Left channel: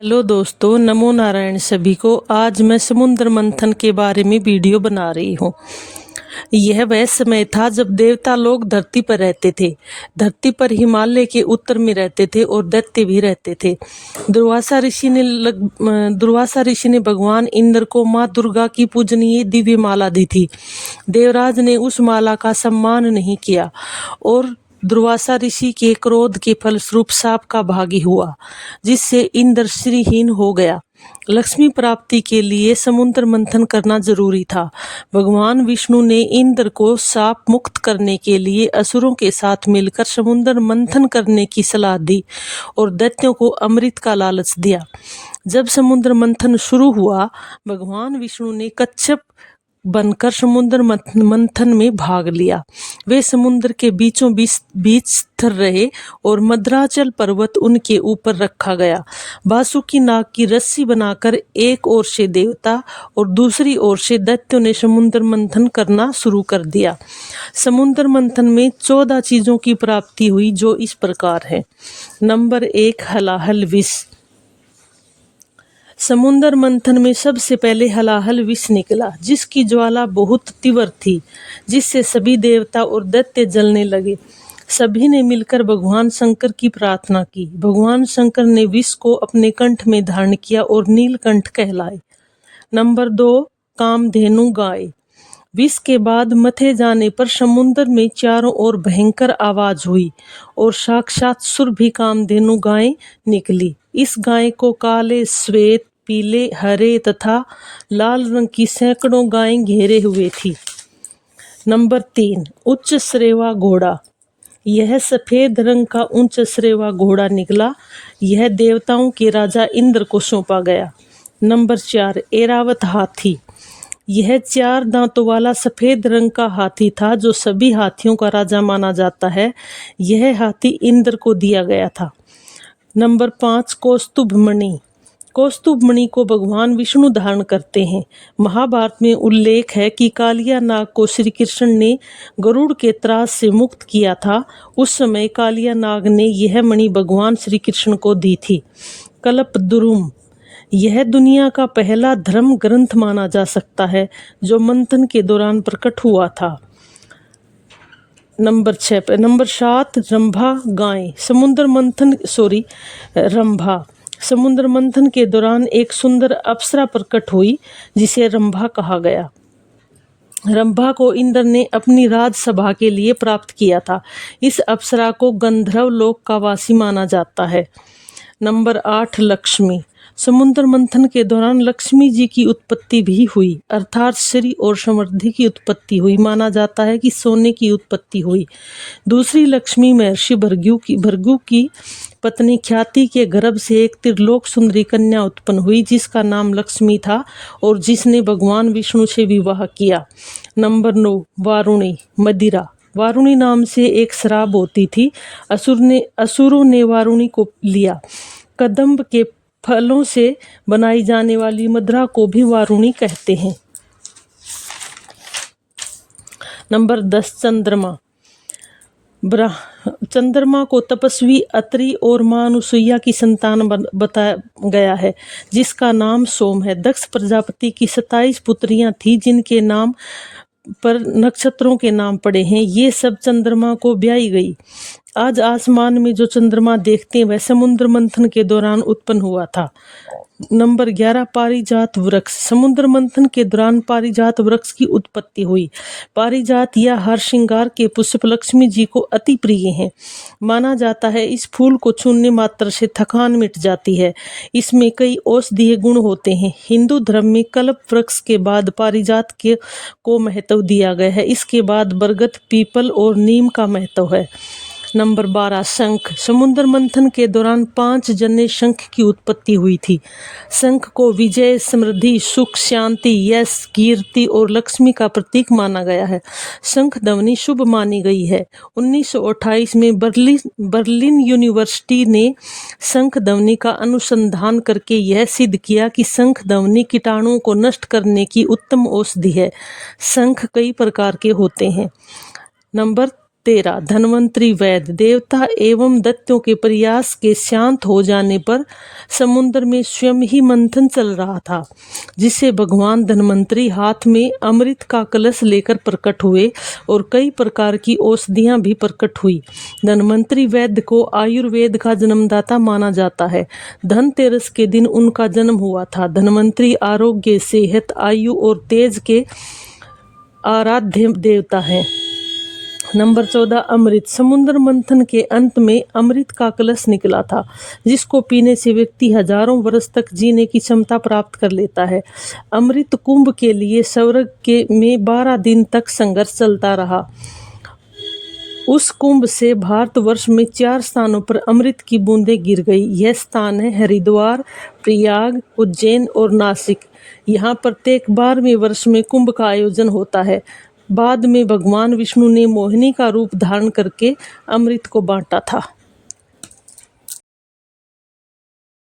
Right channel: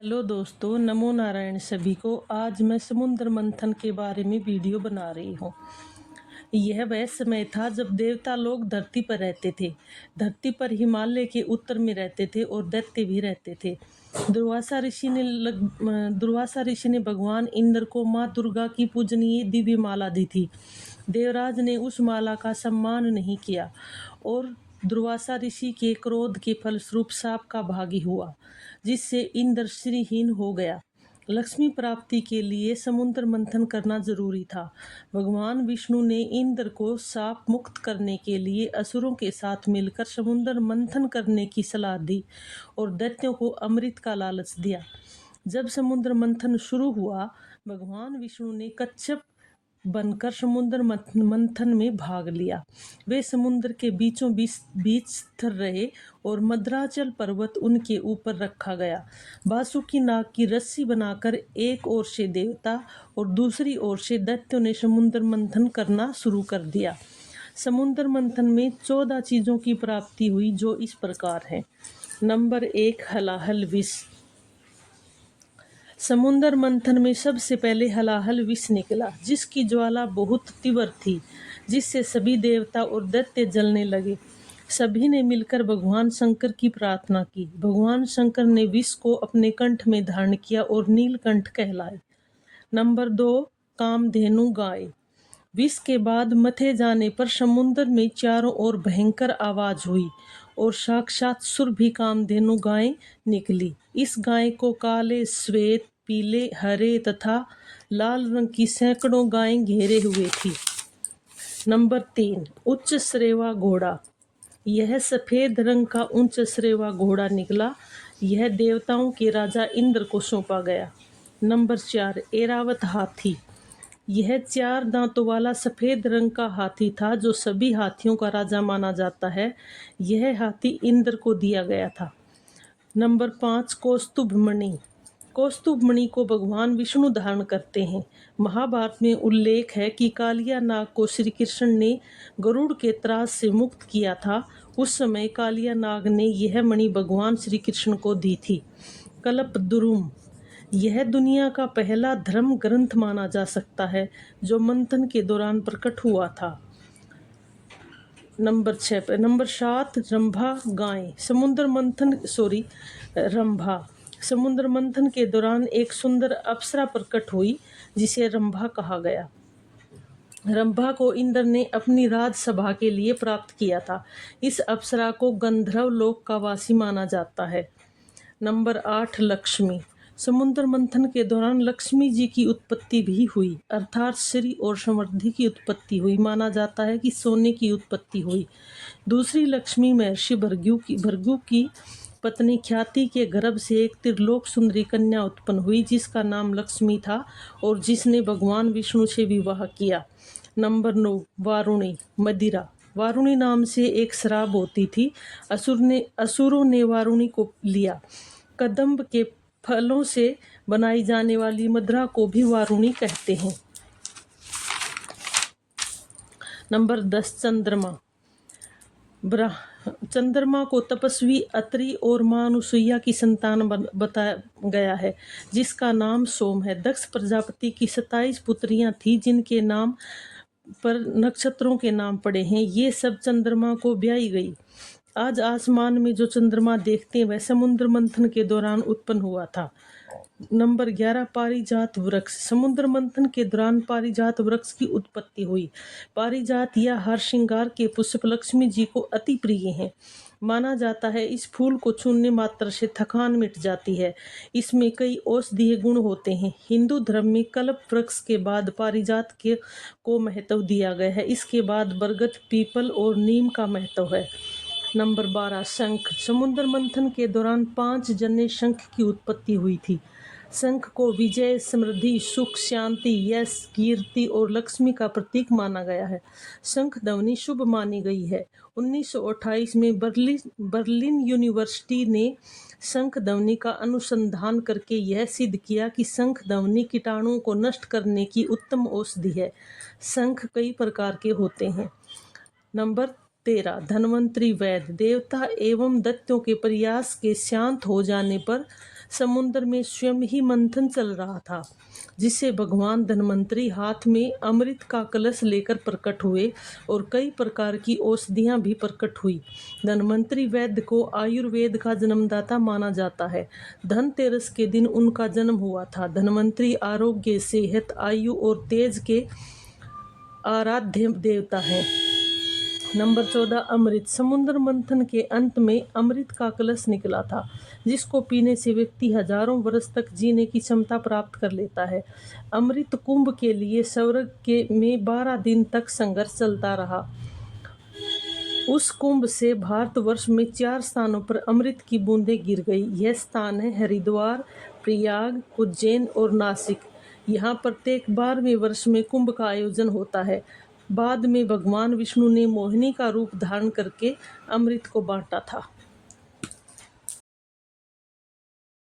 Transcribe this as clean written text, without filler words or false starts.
Hello दोस्तों, नमो नारायण सभी को। आज मैं समुद्र मंथन के बारे में वीडियो बना रही हूँ। यह वह समय था जब देवता लोग धरती पर रहते थे। धरती पर हिमालय के उत्तर में रहते थे और दैत्य भी रहते थे। दुर्वासा ऋषि ने भगवान इंद्र को माँ दुर्गा की पूजनीय दिव्य माला दी थी। देवराज ने उस माला का सम्मान नहीं किया और दुर्वासा ऋषि के क्रोध के फलस्वरूप साप का भागी हुआ, जिससे इंद्र श्रीहीन हो गया। लक्ष्मी प्राप्ति के लिए समुद्र मंथन करना जरूरी था। भगवान विष्णु ने इंद्र को शाप मुक्त करने के लिए असुरों के साथ मिलकर समुद्र मंथन करने की सलाह दी और दैत्यों को अमृत का लालच दिया। जब समुद्र मंथन शुरू हुआ, भगवान विष्णु ने कच्छप बनकर समुद्र मंथन में भाग लिया। वे समुद्र के बीचों बीच स्थिर रहे और मद्राचल पर्वत उनके ऊपर रखा गया। बासुकी नाग की रस्सी बनाकर एक ओर से देवता और दूसरी ओर से दैत्यों ने समुद्र मंथन करना शुरू कर दिया। समुद्र मंथन में 14 चीजों की प्राप्ति हुई, जो इस प्रकार है। नंबर 1, हलाहल विष। समुद्र मंथन में सबसे पहले हलाहल विष निकला, जिसकी ज्वाला बहुत तीव्र थी, जिससे सभी देवता और दैत्य जलने लगे। सभी ने मिलकर भगवान शंकर की प्रार्थना की। भगवान शंकर ने विष को अपने कंठ में धारण किया और नीलकंठ कहलाए। नंबर 2, कामधेनु गाय। विष के बाद मथे जाने पर समुद्र में चारों ओर भयंकर आवाज हुई और साक्षात सुरभि कामधेनु गाय निकली। इस गाय को काले, श्वेत, पीले, हरे तथा लाल रंग की सैकड़ों गायें घेरे हुए थी। नंबर 3, उच्च श्रेवा घोड़ा। यह सफेद रंग का उच्च श्रेवा घोड़ा निकला। यह देवताओं के राजा इंद्र को सौंपा गया। नंबर 4, ऐरावत हाथी। यह 4 दांतों वाला सफेद रंग का हाथी था, जो सभी हाथियों का राजा माना जाता है। यह हाथी इंद्र को दिया गया था। नंबर 5, कौस्तुभ मणि। कौस्तुभ मणि को भगवान विष्णु धारण करते हैं। महाभारत में उल्लेख है कि कालिया नाग को श्री कृष्ण ने गरुड़ के त्रास से मुक्त किया था। उस समय कालिया नाग ने यह मणि भगवान श्री कृष्ण को दी थी। कल्पद्रुम। यह दुनिया का पहला धर्म ग्रंथ माना जा सकता है, जो मंथन के दौरान प्रकट हुआ था। नंबर 7, रंभा गाय। रंभा समुद्र मंथन के दौरान एक सुंदर अप्सरा प्रकट हुई, जिसे रंभा कहा गया। रंभा को इंद्र ने अपनी राजसभा के लिए प्राप्त किया था। इस अप्सरा को गंधर्व लोक का वासी माना जाता है। नंबर 8, लक्ष्मी। समुद्र मंथन के दौरान लक्ष्मी जी की उत्पत्ति भी हुई, अर्थात श्री और समृद्धि की उत्पत्ति हुई। माना जाता है कि सोने की उत्पत्ति हुई। दूसरी लक्ष्मी महर्षि भृगु की पत्नी ख्याति के गर्भ से एक त्रिलोक सुंदरी कन्या उत्पन्न हुई, जिसका नाम लक्ष्मी था और जिसने भगवान विष्णु से विवाह किया। नंबर 9, वारुणी मदिरा। वारुणी नाम से एक शराब होती थी। असुरों ने वारुणी को लिया। कदम्ब के फलों से बनाई जाने वाली मदिरा को भी वारुणी कहते हैं। नंबर 10, चंद्रमा। चंद्रमा को तपस्वी अत्रि और मां अनुसुईया की संतान बताया गया है, जिसका नाम सोम है। दक्ष प्रजापति की 27 पुत्रियां थी, जिनके नाम पर नक्षत्रों के नाम पड़े हैं। ये सब चंद्रमा को ब्याई गई। आज आसमान में जो चंद्रमा देखते हैं, वह समुद्र मंथन के दौरान उत्पन्न हुआ था। नंबर 11, पारिजात वृक्ष। समुद्र मंथन के दौरान पारिजात वृक्ष की उत्पत्ति हुई। पारिजात या हर श्रृंगार के पुष्प लक्ष्मी जी को अति प्रिय हैं। माना जाता है इस फूल को छूने मात्र से थकान मिट जाती है। इसमें कई औषधीय गुण होते हैं। हिंदू धर्म में कल्प वृक्ष के बाद पारिजात को महत्व दिया गया है। इसके बाद बरगद, पीपल और नीम का महत्व है। नंबर 12, शंख। समुद्र मंथन के दौरान 5 जन्य शंख की उत्पत्ति हुई थी। शंख को विजय, समृद्धि, सुख, शांति, यश, कीर्ति और लक्ष्मी का प्रतीक माना गया है। शंख ध्वनि शुभ मानी गई है। 1928 में बर्लिन यूनिवर्सिटी ने शंख ध्वनि का अनुसंधान करके यह सिद्ध किया कि शंख ध्वनि कीटाणुओं को नष्ट करने की उत्तम औषधि है। शंख कई प्रकार के होते हैं। नंबर 13 धन्वंतरी वैद्य। देवता एवं दैत्यों के प्रयास के शांत हो जाने पर समुद्र में स्वयं ही मंथन चल रहा था, जिसे भगवान धन्वंतरी हाथ में अमृत का कलश लेकर प्रकट हुए और कई प्रकार की औषधियां भी प्रकट हुई। धन्वंतरी वैद्य को आयुर्वेद का जन्मदाता माना जाता है। धनतेरस के दिन उनका जन्म हुआ था। धन्वंतरी आरोग्य, सेहत, आयु और तेज के आराध्य देवता हैं। नंबर 14 अमृत। समुद्र मंथन के अंत में अमृत का कलश निकला था, जिसको पीने से व्यक्ति हजारों वर्ष तक जीने की क्षमता प्राप्त कर लेता है। अमृत कुंभ के लिए स्वर्ग के में 12 दिन तक संघर्ष चलता रहा। उस कुंभ से भारतवर्ष में 4 स्थानों पर अमृत की बूंदें गिर गई। यह स्थान है हरिद्वार, प्रयाग, उज्जैन और नासिक। यहाँ प्रत्येक 12वें वर्ष में कुंभ का आयोजन होता है। बाद में भगवान विष्णु ने मोहिनी का रूप धारण करके अमृत को बांटा था।